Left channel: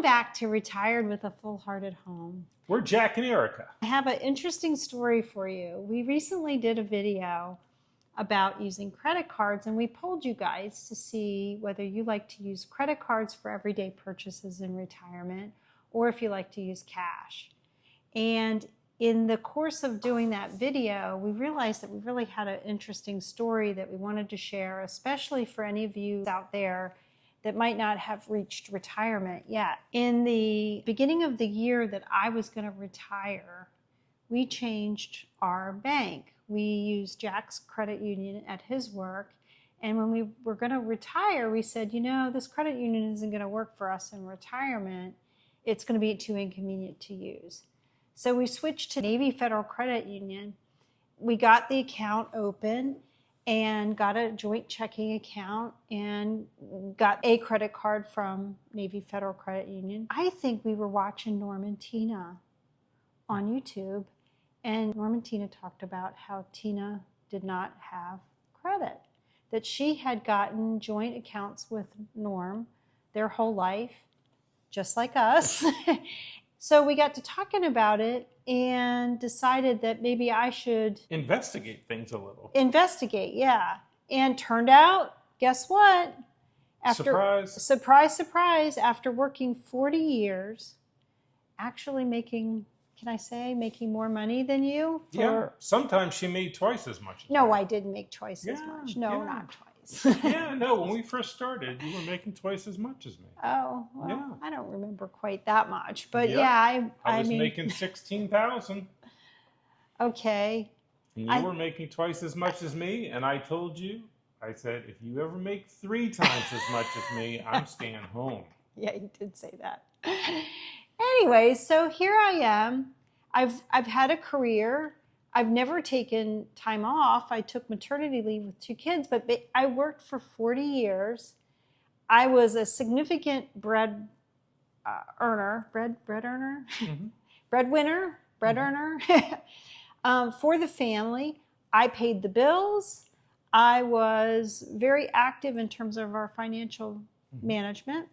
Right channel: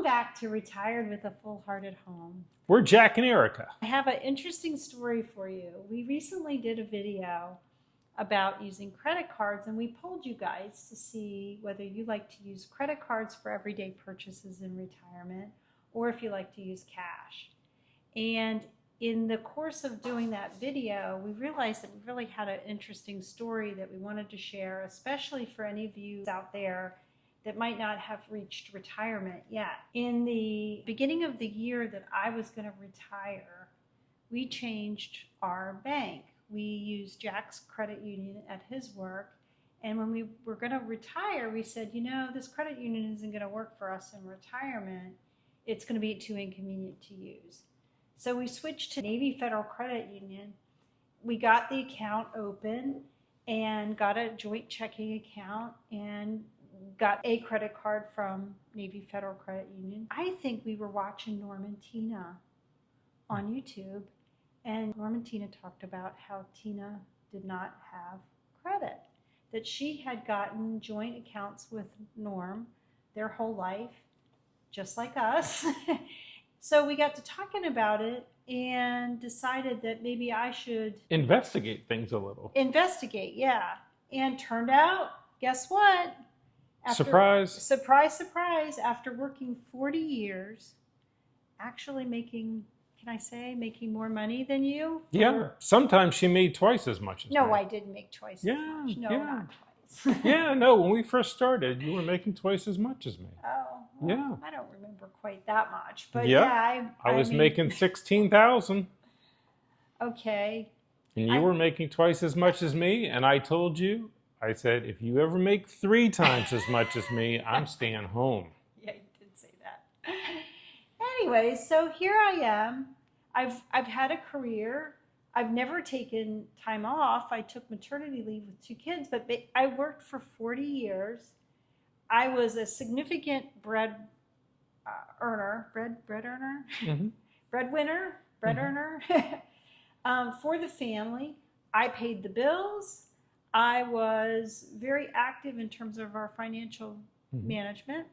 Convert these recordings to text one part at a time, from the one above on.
Welcome back to Retired with a Full-Hearted Home. We're Jack and Erica. I have an interesting story for you. We recently did a video about using credit cards, and we polled you guys to see whether you like to use credit cards for everyday purchases in retirement or if you like to use cash. And in the course of doing that video, we realized that we really had an interesting story that we wanted to share, especially for any of you out there that might not have reached retirement yet. In the beginning of the year that I was going to retire, we changed our bank. We used Jack's credit union at his work. And when we were going to retire, we said, you know, this credit union isn't going to work for us in retirement. It's going to be too inconvenient to use. So we switched to Navy Federal Credit Union. We got the account open and got a joint checking account and got a credit card from Navy Federal Credit Union. I think we were watching Norm and Tina on YouTube, and Norm and Tina talked about how Tina did not have credit, that she had gotten joint accounts with Norm their whole life, just like us. So we got to talking about it and decided that maybe I should investigate things a little. Investigate, yeah. And turned out, guess what? Surprise. Surprise. After working 40 years, actually making, can I say, making more money than you? Yeah. Sometimes she made twice as much as me. No, I didn't make twice as much. No, not twice. Yeah, no, when we first started, you were making twice as much as me. Oh, well, yeah. I don't remember quite that much, but yep. yeah, I was making $16,000. Okay. And you were making twice as much as me, and I told you, I said, if you ever make 3 times as much as me, I'm staying home. Yeah, you did say that. Anyway, so here I am. I've had a career. I've never taken time off. I took maternity leave with 2 kids, but I worked for 40 years. I was a significant breadwinner, for the family. I paid the bills. I was very active in terms of our financial management.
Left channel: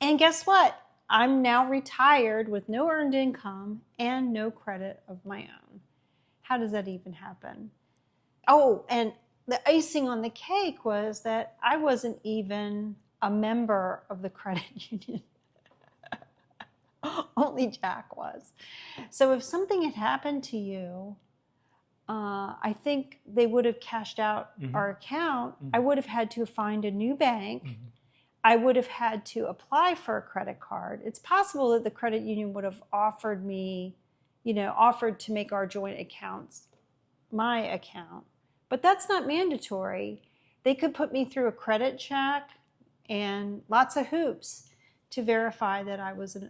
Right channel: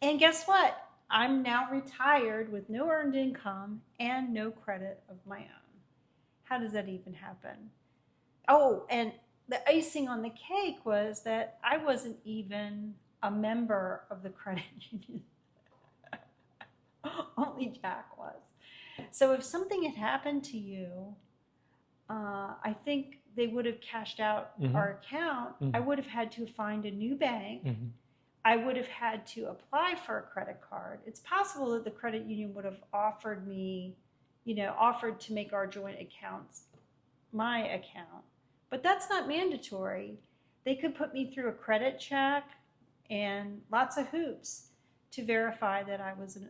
And guess what? I'm now retired with no earned income and no credit of my own. How does that even happen? Oh, and the icing on the cake was that I wasn't even a member of the credit union. Only Jack was. So if something had happened to you, I think they would have cashed out our account. I would have had to find a new bank. I would have had to apply for a credit card. It's possible that the credit union would have offered me, offered to make our joint accounts my account, but that's not mandatory. They could put me through a credit check and lots of hoops to verify that I was an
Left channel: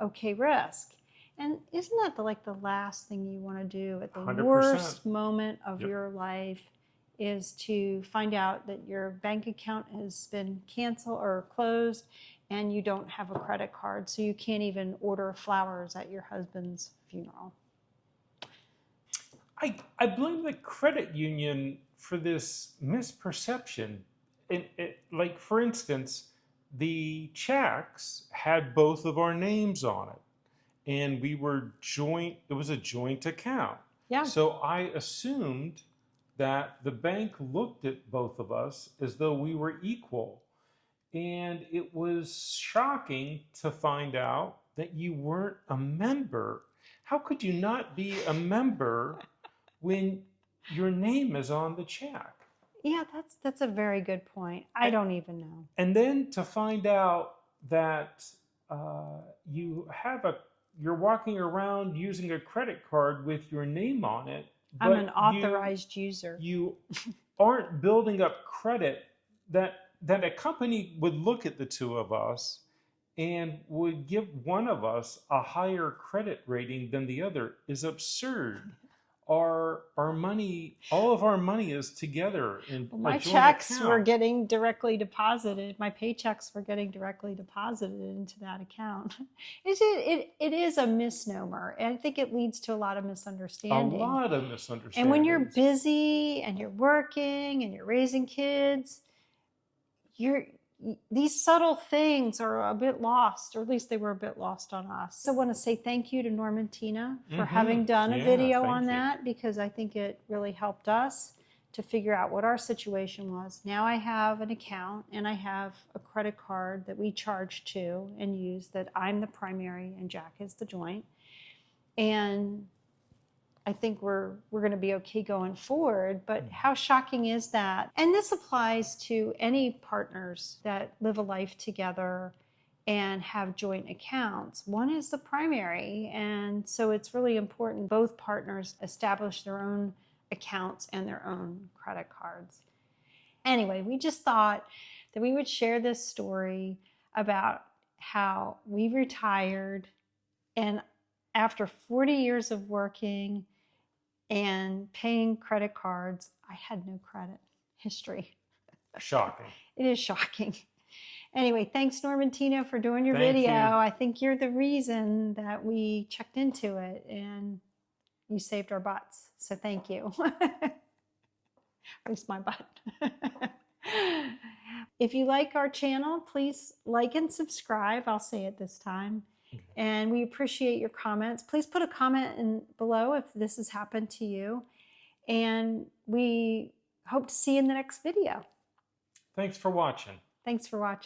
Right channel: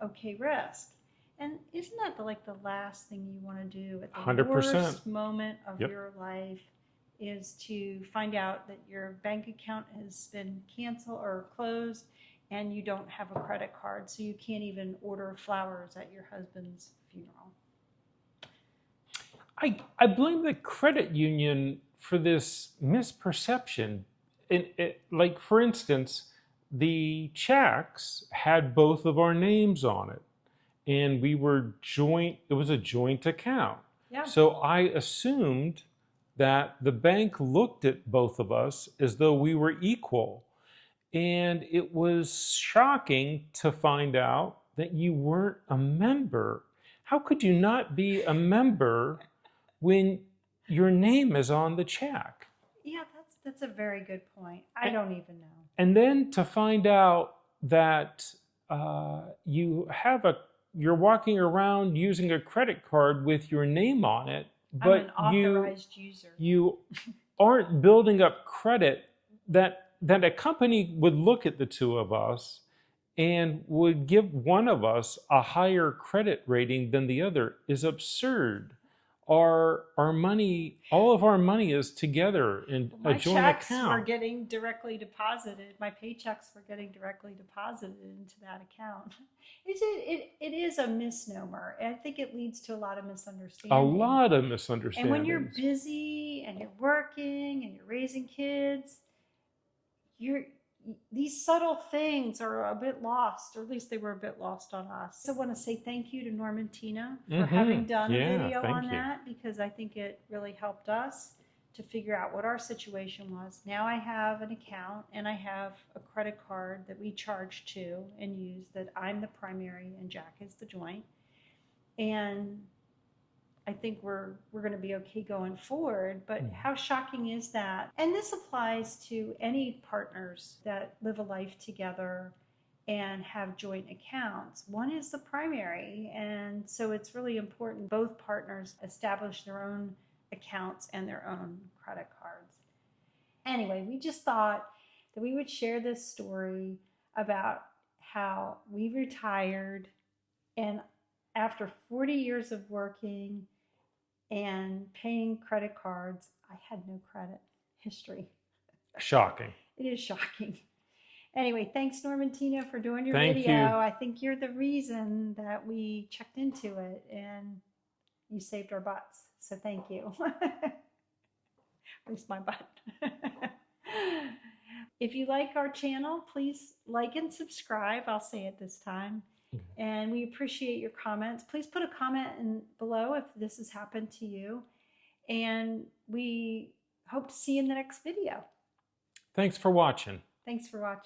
okay risk. And isn't that the last thing you want to do at the 100%. Worst moment of your life is to find out that your bank account has been canceled or closed and you don't have a credit card, so you can't even order flowers at your husband's funeral. I blame the credit union for this misperception. Like, for instance, the checks had both of our names on it, and we were joint. It was a joint account. Yeah. So I assumed that the bank looked at both of us as though we were equal. And it was shocking to find out that you weren't a member. How could you not be a member when your name is on the check? Yeah, that's a very good point. I don't even know. And then to find out that you're walking around using a credit card with your name on it, I'm an authorized user. You aren't building up credit that a company would look at the 2 of us and would give one of us a higher credit rating than the other is absurd. Our money, all of our money is together in a joint checks account. were getting directly deposited. My paychecks were getting directly deposited into that account. It is a misnomer. And I think it leads to a lot of misunderstanding. A lot of misunderstandings. And when you're busy and you're working and you're raising kids, these subtle things are a bit lost, or at least they were a bit lost on us. I want to say thank you to Norm and Tina for having done a Yeah, video thank on you. that, because I think it really helped us to figure out what our situation was. Now I have an account and I have a credit card that we charge to and use, that I'm the primary and Jack is the joint. And I think we're going to be okay going forward. But how shocking is that? And this applies to any partners that live a life together and have joint accounts. One is the primary, and so it's really important both partners establish their own accounts and their own credit cards. Anyway, we just thought that we would share this story about how we retired, and after 40 years of working and paying credit cards, I had no credit history. Shocking. It is shocking. Anyway, thanks, Norm and Tina, for doing your Thank video. you. I think you're the reason that we checked into it, and you saved our butts. So thank you. At least my butt. If you like our channel, please like and subscribe. I'll say it this time. And we appreciate your comments. Please put a comment in below if this has happened to you. And we hope to see you in the next video. Thanks for watching. Thanks for watching.